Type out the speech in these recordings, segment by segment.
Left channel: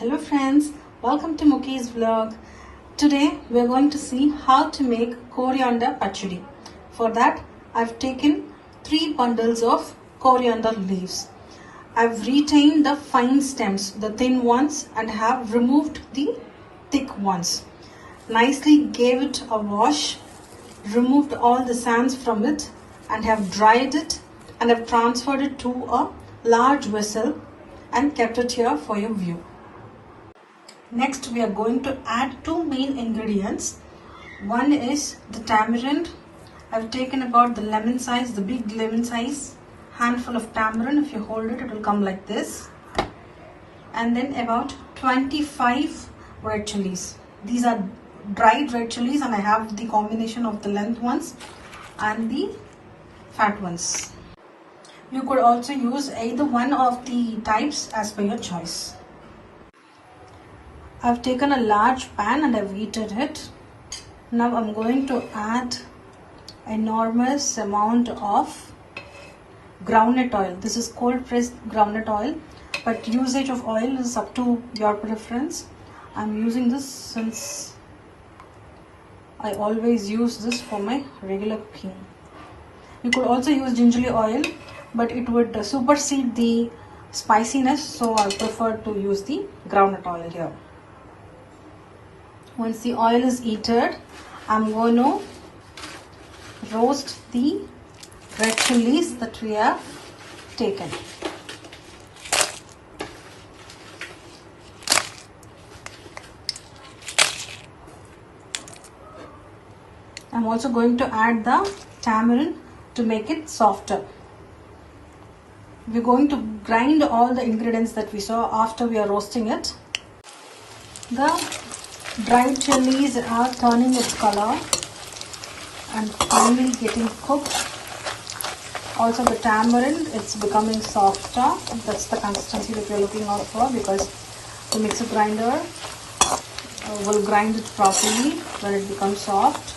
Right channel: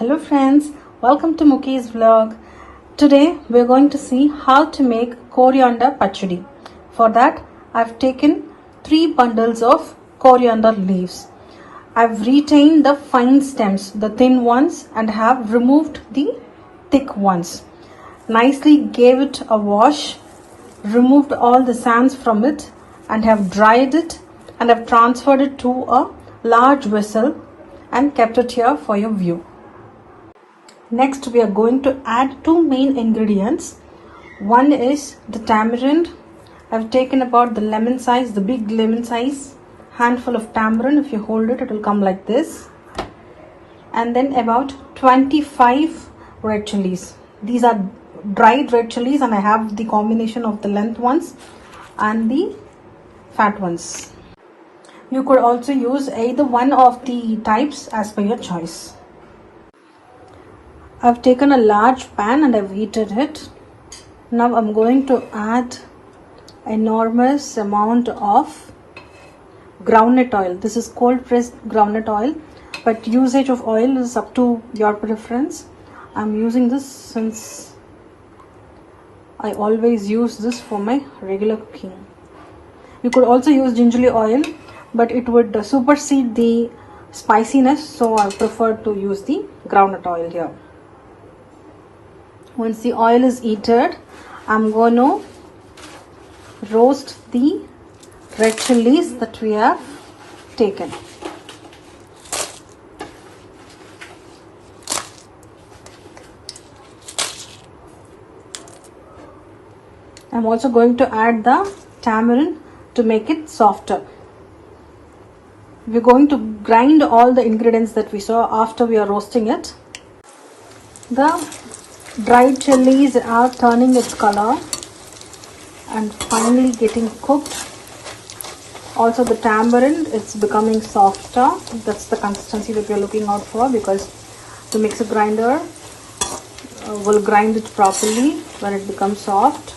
Hello friends, welcome to Muki's vlog. Today we're going to see how to make coriander pachadi. For that I've taken 3 bundles of coriander leaves. I've retained the fine stems, the thin ones, and have removed the thick ones. Nicely gave it a wash, removed all the sands from it and have dried it and have transferred it to a large vessel and kept it here for your view. Next we are going to add 2 main ingredients. One is the tamarind. I've taken about the lemon size, the big lemon size handful of tamarind. If you hold it, it will come like this. And then about 25 red chilies. These are dried red chilies and I have the combination of the length ones and the fat ones. You could also use either one of the types as per your choice. I've taken a large pan and I've heated it. Now I'm going to add enormous amount of groundnut oil. This is cold pressed groundnut oil, but usage of oil is up to your preference. I'm using this since I always use this for my regular cooking. You could also use gingerly oil, but it would supersede the spiciness, so I prefer to use the groundnut oil here. Once the oil is heated, I'm going to roast the red chilies that we have taken. I'm also going to add the tamarind to make it softer. We're going to grind all the ingredients that we saw after we are roasting it. The dried chilies are turning its color and finally getting cooked. Also the tamarind, it's becoming softer. That's the consistency that we're looking out for, because the mixer grinder will grind it properly when it becomes soft.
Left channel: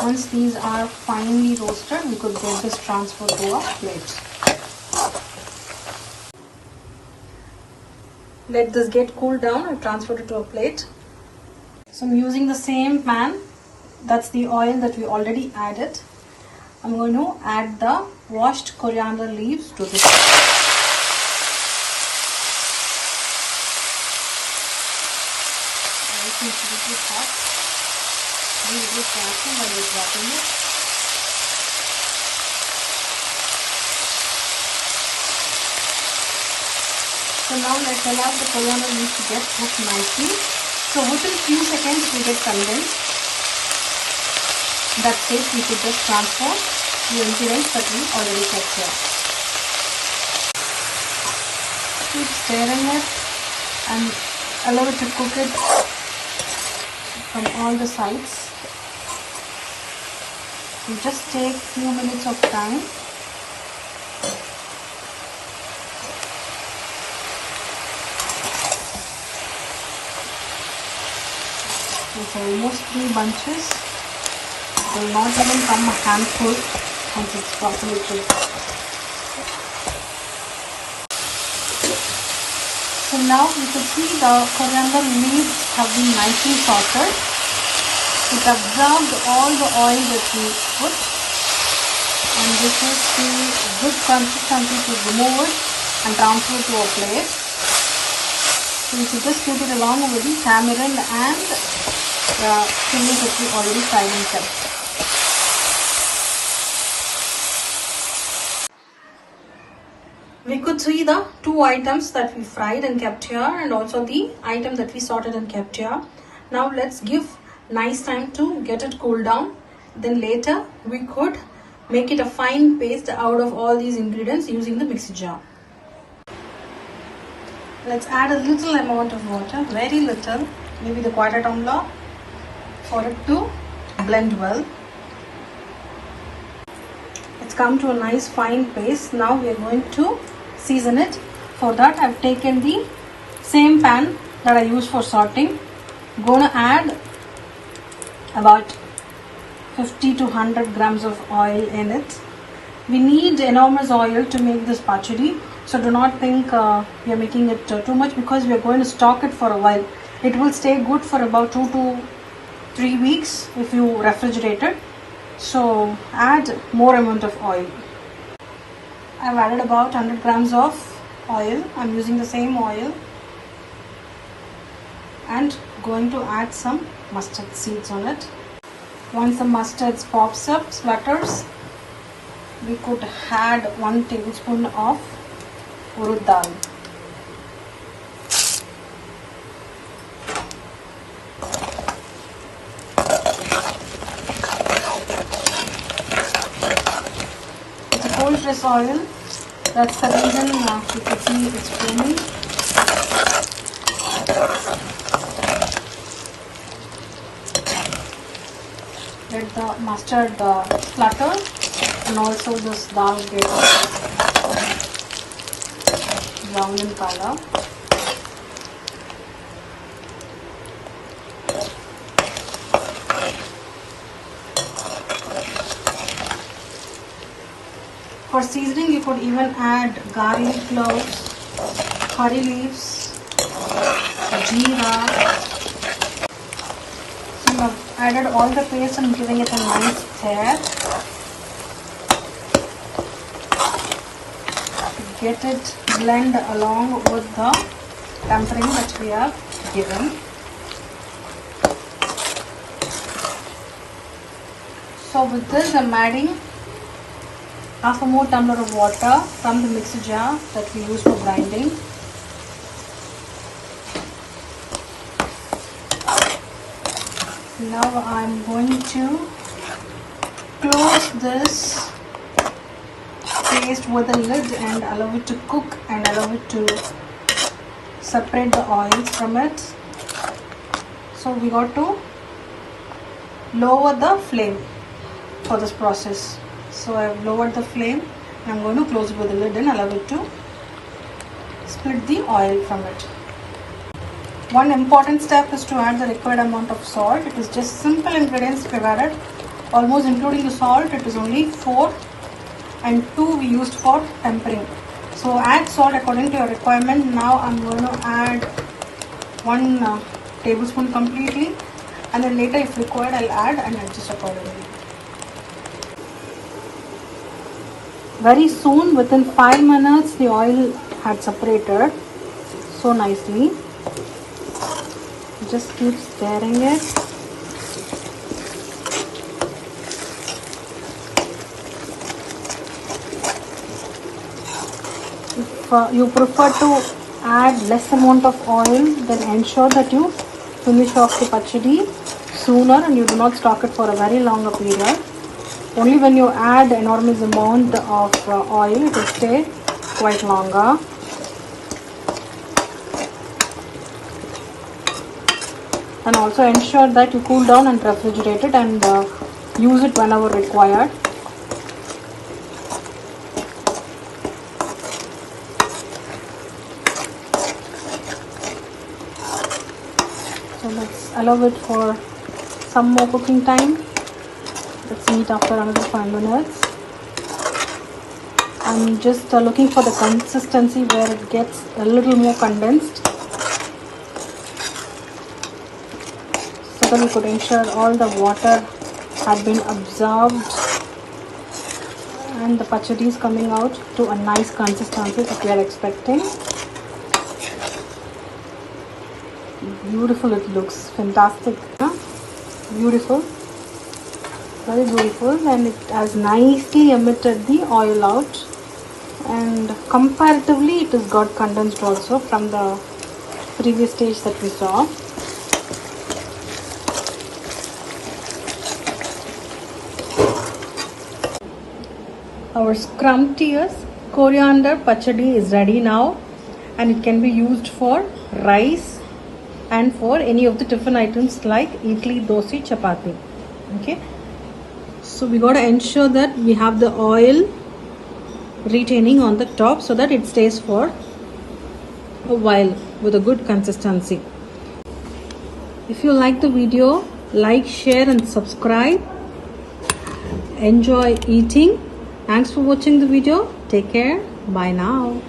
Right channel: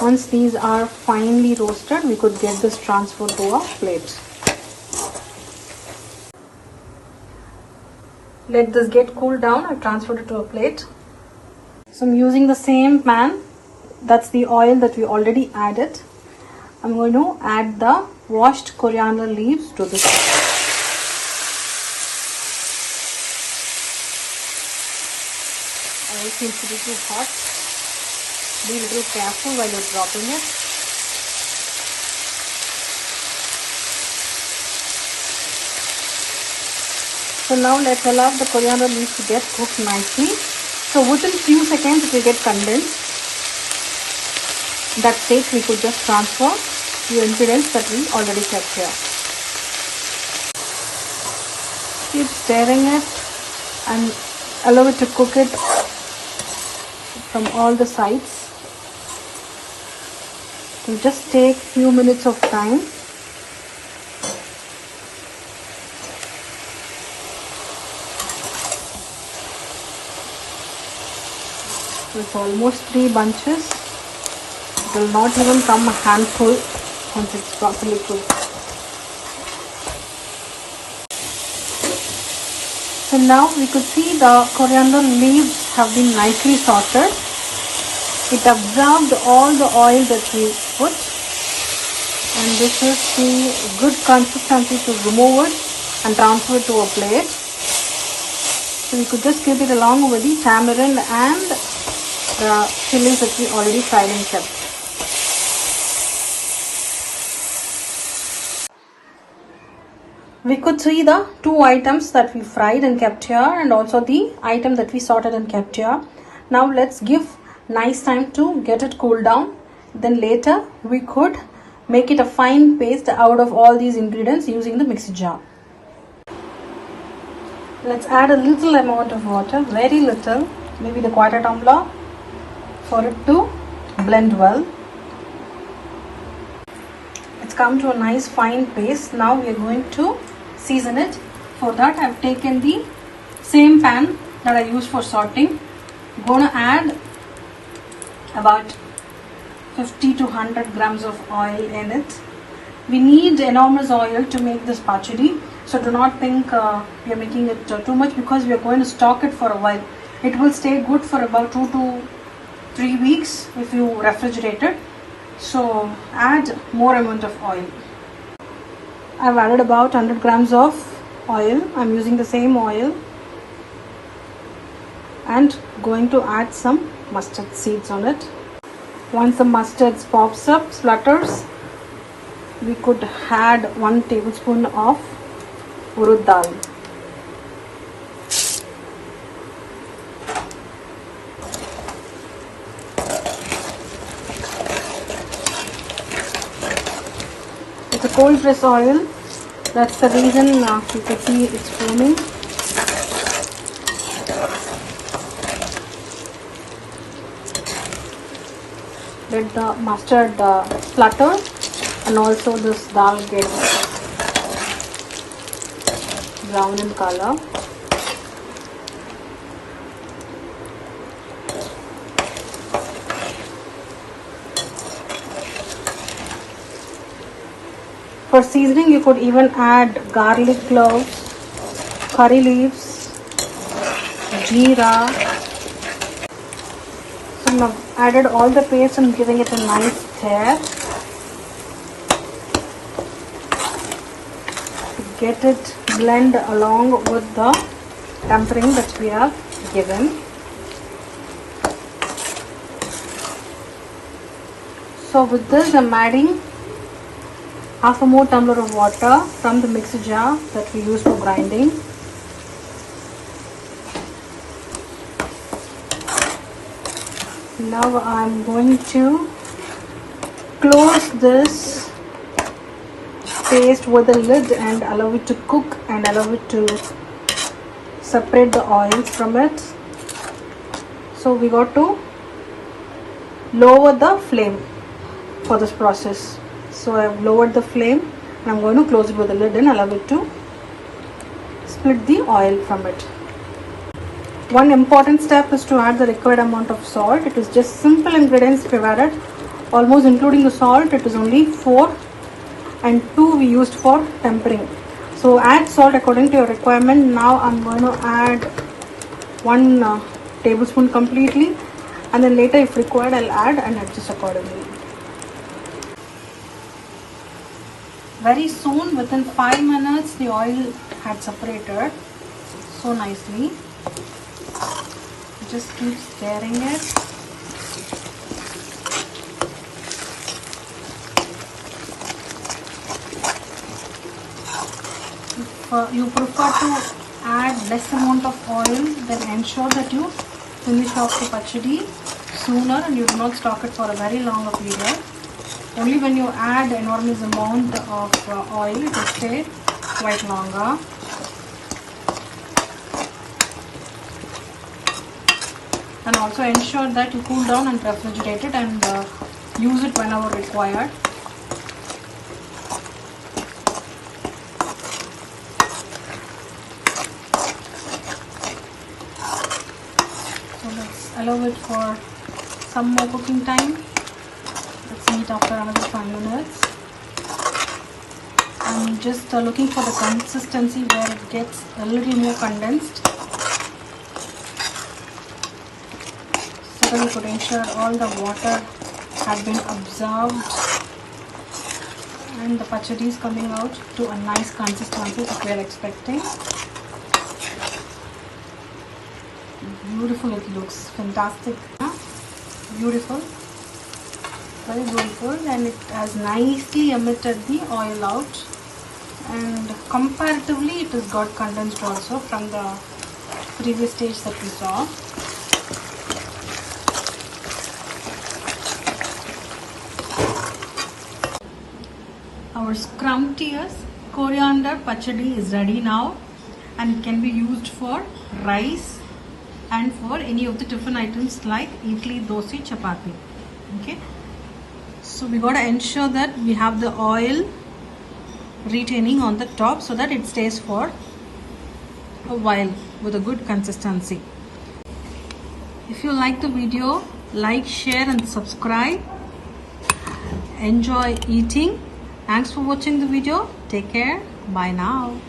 Once these are finely roasted, we could get this transferred to a plate. Let this get cooled down. I've transferred it to a plate. So I'm using the same pan. That's the oil that we already added. I'm going to add the washed coriander leaves to this. Oil seems to be too hot. Be a little careful while you're dropping it. So now let's allow the coriander leaves to get cooked nicely. So within few seconds it will get condensed. That stage we could just transfer the ingredients that we already kept here. Keep stirring it and allow it to cook it from all the sides. So just take few minutes of time. It's almost 3 bunches. It will not even come a handful once it's properly cooked. So now we could see the coriander leaves have been nicely sauteed. It absorbed all the oil that we put, and this is the good consistency to remove it and transfer it to a plate. So we could just keep it along with the tamarind and the chilies that we already fried and kept. We could see the 2 items that we fried and kept here, and also the item that we sorted and kept here. Now let's give nice time to get it cooled down. Then later we could make it a fine paste out of all these ingredients using the mixer jar. Let's add a little amount of water, very little, maybe the quarter tumbler, for it to blend well. It's come to a nice fine paste. Now we are going to season it. For that I've taken the same pan that I used for sorting. I'm going to add about 50 to 100 grams of oil in it. We need enormous oil to make this pachadi. So do not think we are making it too much, because we are going to stock it for a while. It will stay good for about 2 to 3 weeks if you refrigerate it. So add more amount of oil. I've added about 100 grams of oil. I'm using the same oil, and going to add some mustard seeds on it. Once the mustard pops up, splutters, we could add 1 tablespoon of urud dal. It's a cold press oil. That's the reason you can see it's foaming. Let the mustard splutter, and also this dal get brown in color. For seasoning, you could even add garlic cloves, curry leaves, jeera. So I've added all the paste and giving it a nice stir to get it blend along with the tempering that we have given. So with this, I'm adding half a more tumbler of water from the mixer jar that we use for grinding. Now I'm going to close this paste with a lid and allow it to cook and allow it to separate the oils from it. So we got to lower the flame for this process. So I have lowered the flame, and I'm going to close it with a lid and allow it to split the oil from it. One important step is to add the required amount of salt. It is just simple ingredients we've added, almost including the salt. It is only 4 and 2 we used for tempering. So add salt according to your requirement. Now I'm going to add 1 tablespoon completely, and then later if required I'll add and adjust accordingly. Very soon, within 5 minutes, the oil had separated so nicely. Just keep stirring it. If you prefer to add less amount of oil, then ensure that you finish off the pachadi sooner and you do not stock it for a very longer period. Only when you add enormous amount of oil, it will stay quite longer. And also ensure that you cool down and refrigerate it and use it whenever required. So let's allow it for some more cooking time. Let's eat after another 5 minutes. I'm just looking for the consistency where it gets a little more condensed, so that we could ensure all the water had been absorbed and the pachadi is coming out to a nice consistency that we are expecting. Beautiful, it looks fantastic. Beautiful. Very beautiful, and it has nicely emitted the oil out, and comparatively it has got condensed also from the previous stage that we saw. Our scrumptious coriander pachadi is ready now, and it can be used for rice and for any of the tiffin items like idli, dosa, chapati. Okay. So we got to ensure that we have the oil retaining on the top so that it stays for a while with a good consistency. If you like the video, like, share and subscribe. Enjoy eating, Thanks for watching the video. Take care. Bye now.